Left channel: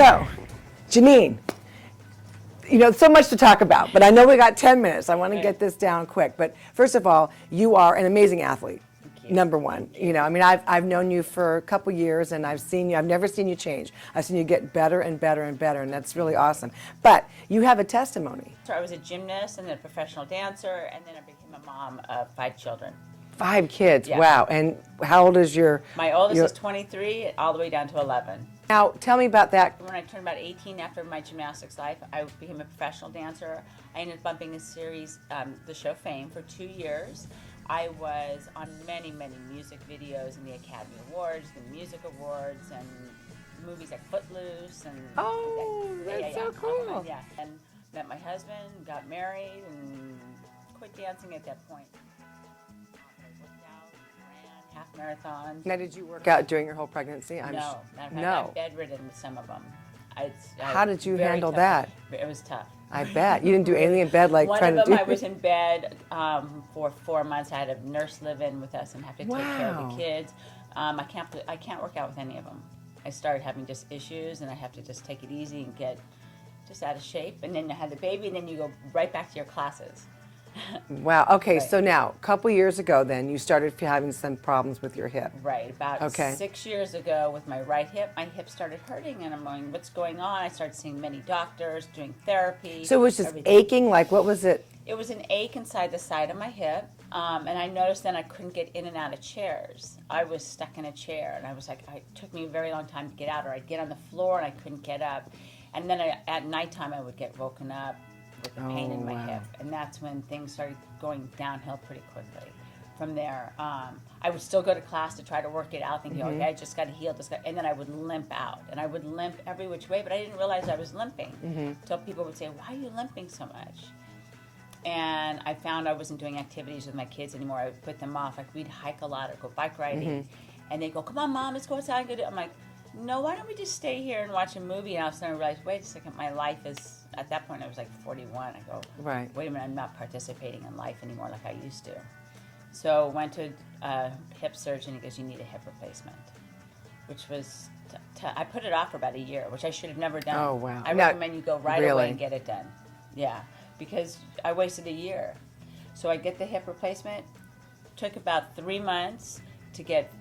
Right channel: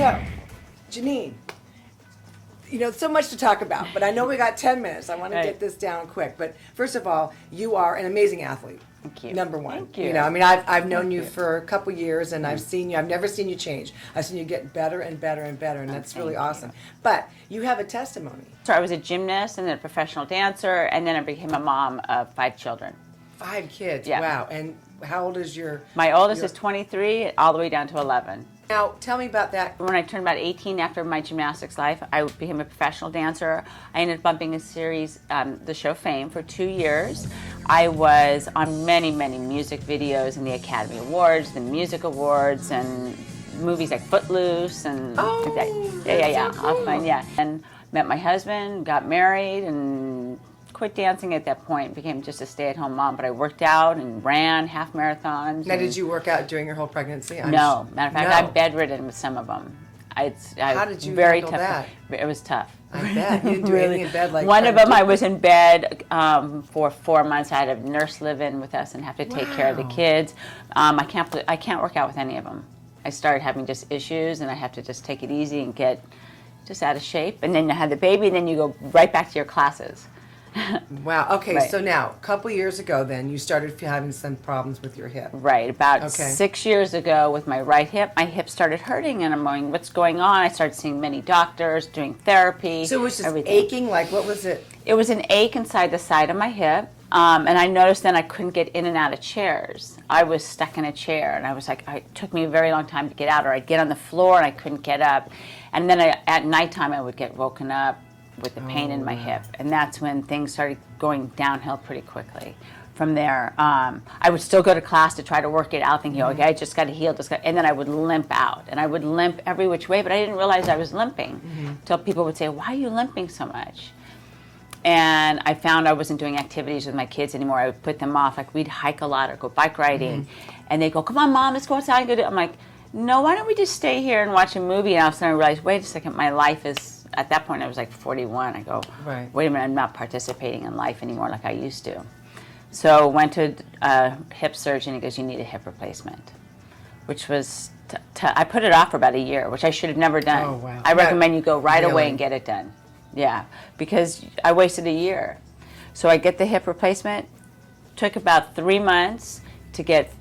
So, Janine, you know, so much to talk about, but I know we got 10 minutes. I want to get this down quick. But first of all, you are an amazing athlete. Thank you. Number one. Thank you. know, I mean, I've known you for a couple years, and I've seen you. I've never seen you change. I've seen you get better and better and better, and that's really awesome. But you have a testimony. So I was a gymnast and then a professional dancer, and then I became a mom of 5 children. 5 kids. Yeah. Wow. And how old is your? My oldest is 23, all the way down to 11. Now, tell me about that. When I turned about 18 after my gymnastics life, I became a professional dancer. I ended up bumping a series, the show Fame, for 2 years. I was on many, many music videos and the Academy Awards, the Music Awards, and movies like Footloose and yeah. And met my husband, got married, and quit dancing at that point. Became just a stay-at-home mom. But I worked out and ran half marathons. Now, did you work out during your whole pregnancy? No. Matter of fact, I'm bedridden with some of them. How did you very handle tough. that? It was tough. I bet. You didn't do anything in bed like one of them I was in bed for 4 months. I had a nurse live in with us and have to take care of the kids. I can't work out with any of them. I started having just issues, and I have to just take it easy and get just out of shape. And then you have the baby, and then you go right back to your classes. Wow. Okay. Right. So now, a couple years ago, then you started having some problems with your hip. Right. About 6 years ago, with my right hip, my hip started hurting, and I'm going, "What's going on?" I started seeing many doctors, doing therapy. So it was just aching. Like, what was it? It was an ache inside the side of my hip, and I noticed then I couldn't get in and out of chairs. I was stuck in a chair, and I was like, it took me a very long time to get out, or I'd get on the floor and I couldn't get up, and then at nighttime I would get woken up with the pain in my hip, and that's when things started going downhill pretty quickly. From there, I would still go to class to try to work it out, thinking, okay, I just got to heal, and then I would limp out, and I would limp every which way, but I didn't realize I was limping until people would say, "Why are you limping so much?" And I found I wasn't doing activities with my kids anymore. I would put them off. Like, we'd hike a lot or go bike riding, and they'd go, "Come on, Mom, let's go outside and go do it." I'm like, "No, why don't we just stay here and watch a movie?" And all of a sudden I realized, wait a second, my life is, at that point I was like 41. I go, wait a minute, I'm not participating in life anymore like I used to. So went to a hip surgeon. He goes, "You need a hip replacement," which was, I put it off for about a year, which I should have never done. Oh, wow. I recommend you go right away and get it done. Yeah, because I wasted a year. So I get the hip replacement. Took about 3 months to get,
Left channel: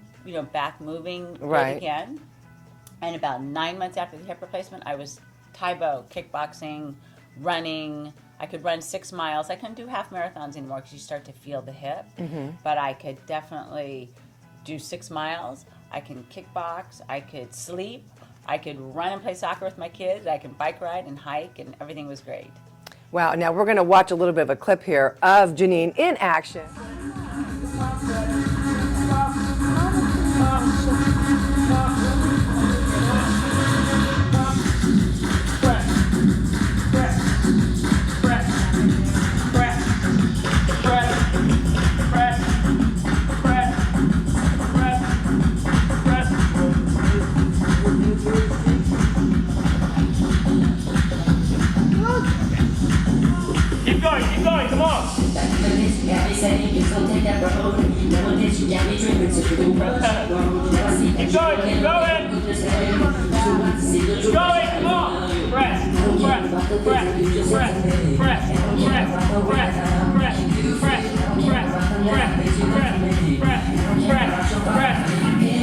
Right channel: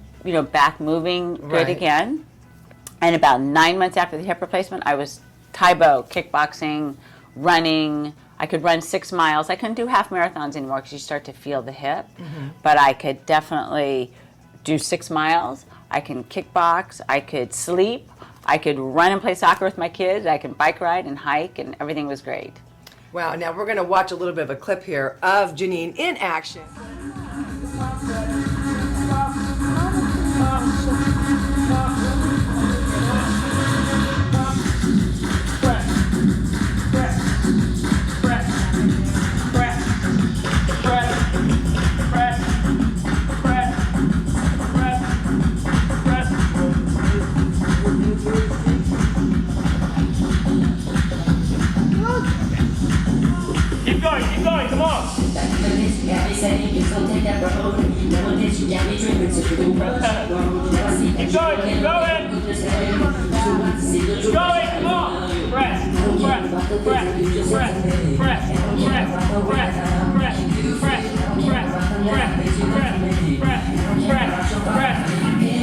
back moving good again. And about 9 months after the hip replacement, I was Taibo, kickboxing, running. I could run 6 miles. I couldn't do half marathons anymore because you start to feel the hip. But I could definitely do 6 miles. I can kickbox. I could sleep. I could run and play soccer with my kids. I could bike ride and hike, and everything was great. Wow. Now we're going to watch a little bit of a clip here of Janine in action. Keep going, come on! Keep going! Keep going, come on! Press, press.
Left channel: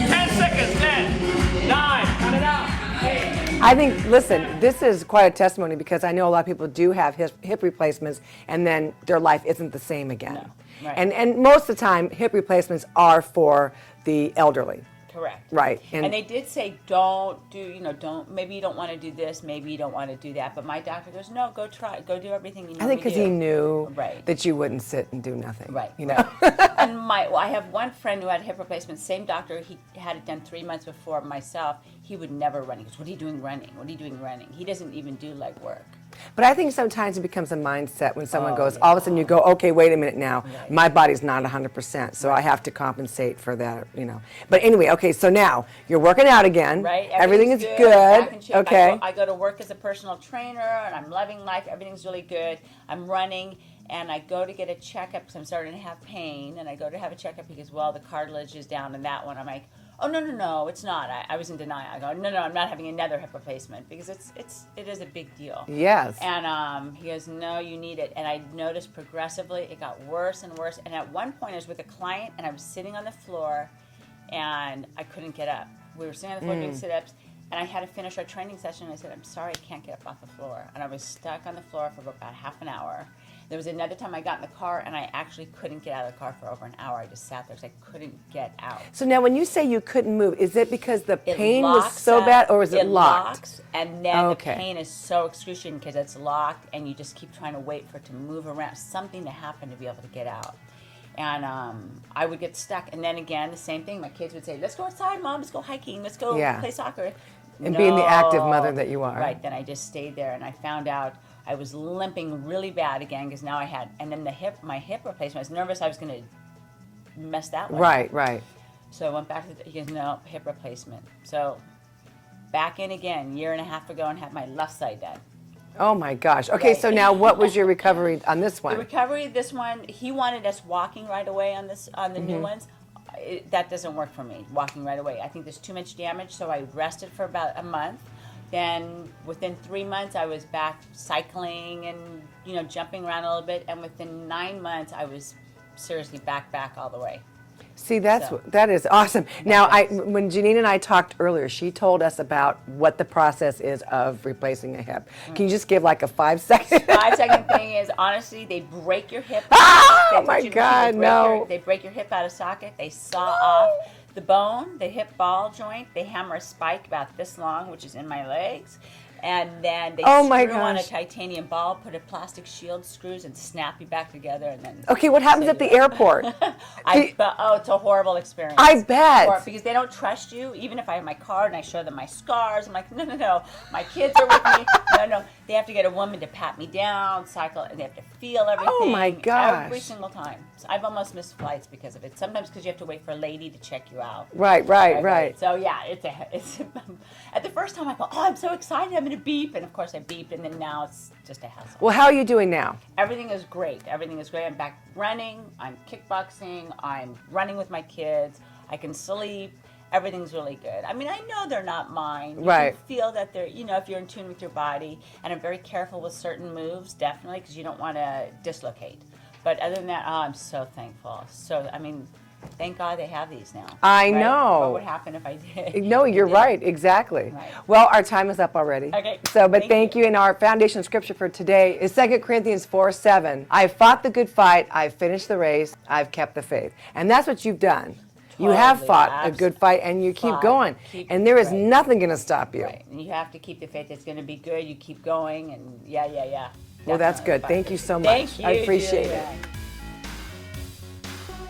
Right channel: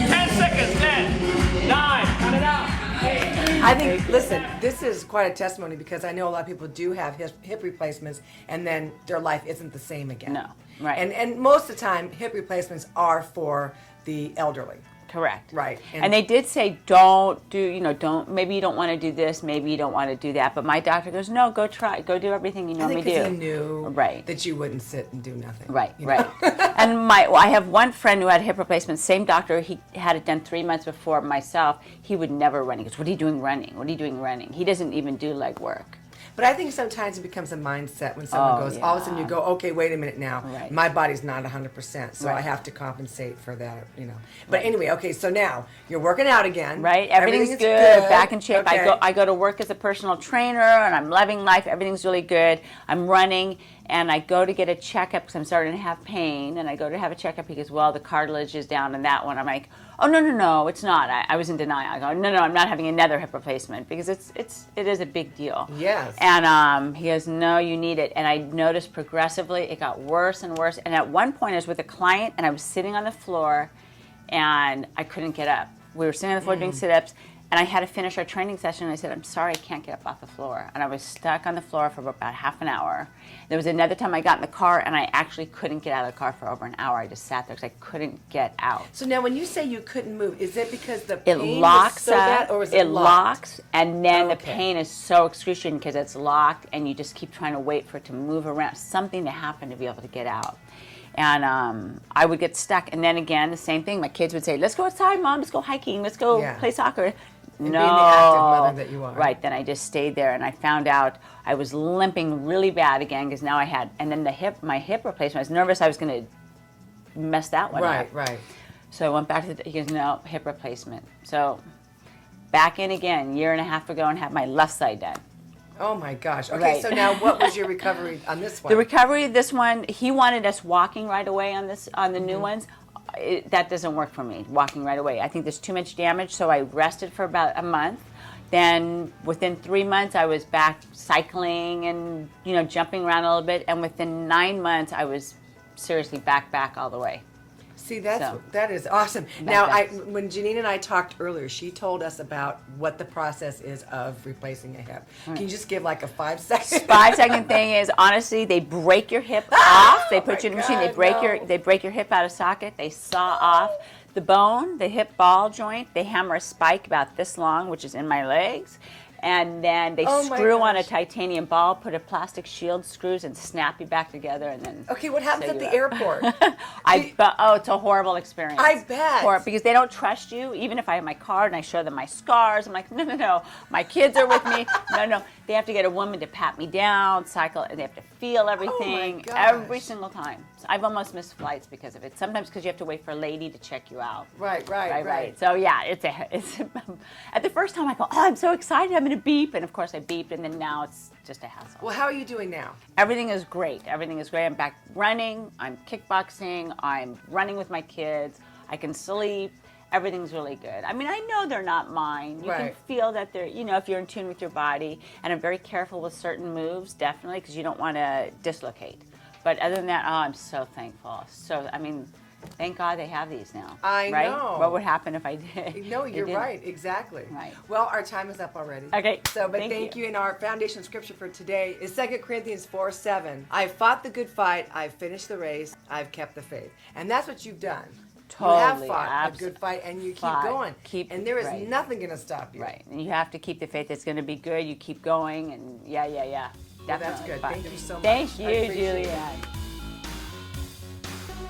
10 seconds, 10, 9, count it out. 8. I think, listen, this is quite a testimony because I know a lot of people do have hip replacements and then their life isn't the same again. No, right. And most of the time, hip replacements are for the elderly. Correct. Right. And they did say, don't do, maybe you don't want to do this, maybe you don't want to do that. But my doctor goes, no, go try, go do everything you normally do. I think because he knew that you wouldn't sit and do nothing. Right, right. And I have one friend who had hip replacement, same doctor, he had it done 3 months before myself. He would never run. He goes, what are you doing running? What are you doing running? He doesn't even do leg work. But I think sometimes it becomes a mindset when someone goes, all of a sudden you go, okay, wait a minute now, my body's not 100%, so I have to compensate for that, But anyway, okay, so now you're working out again. Right, everything is good. Back in shape. Okay. I go to work as a personal trainer, and I'm loving life. Everything's really good. I'm running, and I go to get a checkup because I'm starting to have pain, and I go to have a checkup. He goes, well, the cartilage is down in that one. I'm like, Oh, no, it's not. I was in denial. I go, no, I'm not having another hip replacement because it is a big deal. Yes. And he goes, no, you need it. And I noticed progressively it got worse and worse. And at one point I was with a client and I was sitting on the floor and I couldn't get up. We were sitting on the floor doing sit-ups and I had to finish our training session and I said, I'm sorry, I can't get up off the floor. And I was stuck on the floor for about half an hour. There was another time I got in the car and I actually couldn't get out of the car for over an hour. I just sat there because I couldn't get out. So now when you say you couldn't move, is it because the It pain was locks so up, bad, or is it locked? locks, and then Okay. the pain is so excruciating because it's locked and you just keep trying to wait for it to move around, something to happen to be able to get out. And I would get stuck. And then again, the same thing. My kids would say, let's go outside, Mom. Let's go hiking. Let's go play soccer. And being the active mother that you are. Right. Then I just stayed there. And I found out I was limping really bad again because now I had, and then my hip replacement, I was nervous I was going to mess that one up. Right. So I went back to he goes, no, hip replacement. So back in again, year and a half ago, and had my left side done. Oh my gosh. Okay, Right. so now what was your recovery on this one? The recovery, this one, he wanted us walking right away on the Mm-hmm. new ones. That doesn't work for me, walking right away. I think there's too much damage, so I rested for about a month. Then within 3 months, I was back cycling and jumping around a little bit. And within 9 months, I was seriously back all the way. See, that is awesome. Now, when Janine and I talked earlier, she told us about what the process is of replacing a hip. Can you just give like a 5-second? 5-second thing is, honestly, they break your hip off. They put you in the machine, they break your hip out of socket. They saw off the bone, the hip ball joint. They hammer a spike about this long, which is in my legs. And then they screw on a titanium ball, put a plastic shield, screws, and snap you back together. And then Okay, what happens at the airport? it's a horrible experience. I bet. Because they don't trust you. Even if I have my card and I show them my scars, I'm like, no. My kids are with me. No. They have to get a woman to pat me down, cycle, and they have to feel everything. Oh my gosh. Every single time. So I've almost missed flights because of it. Sometimes because you have to wait for a lady to check you out. Right. So yeah, it's at the first time I thought, I'm so excited, I'm going to beep, and of course I beeped, and then now it's just a hassle. Well, how are you doing now? Everything is great. I'm back running. I'm kickboxing. I'm running with my kids. I can sleep. Everything's really good. I mean, I know they're not mine. You can feel that they're, if you're in tune with your body. And I'm very careful with certain moves, definitely, because you don't want to dislocate. But other than that, I'm so thankful. Thank God they have these now. I know. What would happen if I did? No, you're right. Exactly. Right. Well, our time is up already. Okay. But thank you. And our foundation scripture for today is 2 Corinthians 4:7. I've fought the good fight. I've finished the race. I've kept the faith. And that's what you've done. You have fought a good fight, and you keep going. And there is nothing going to stop you. Right. And you have to keep the faith. It's going to be good. You keep going. And yeah. Well, that's good. Thank you so much. Thank you, I appreciate Julia. it.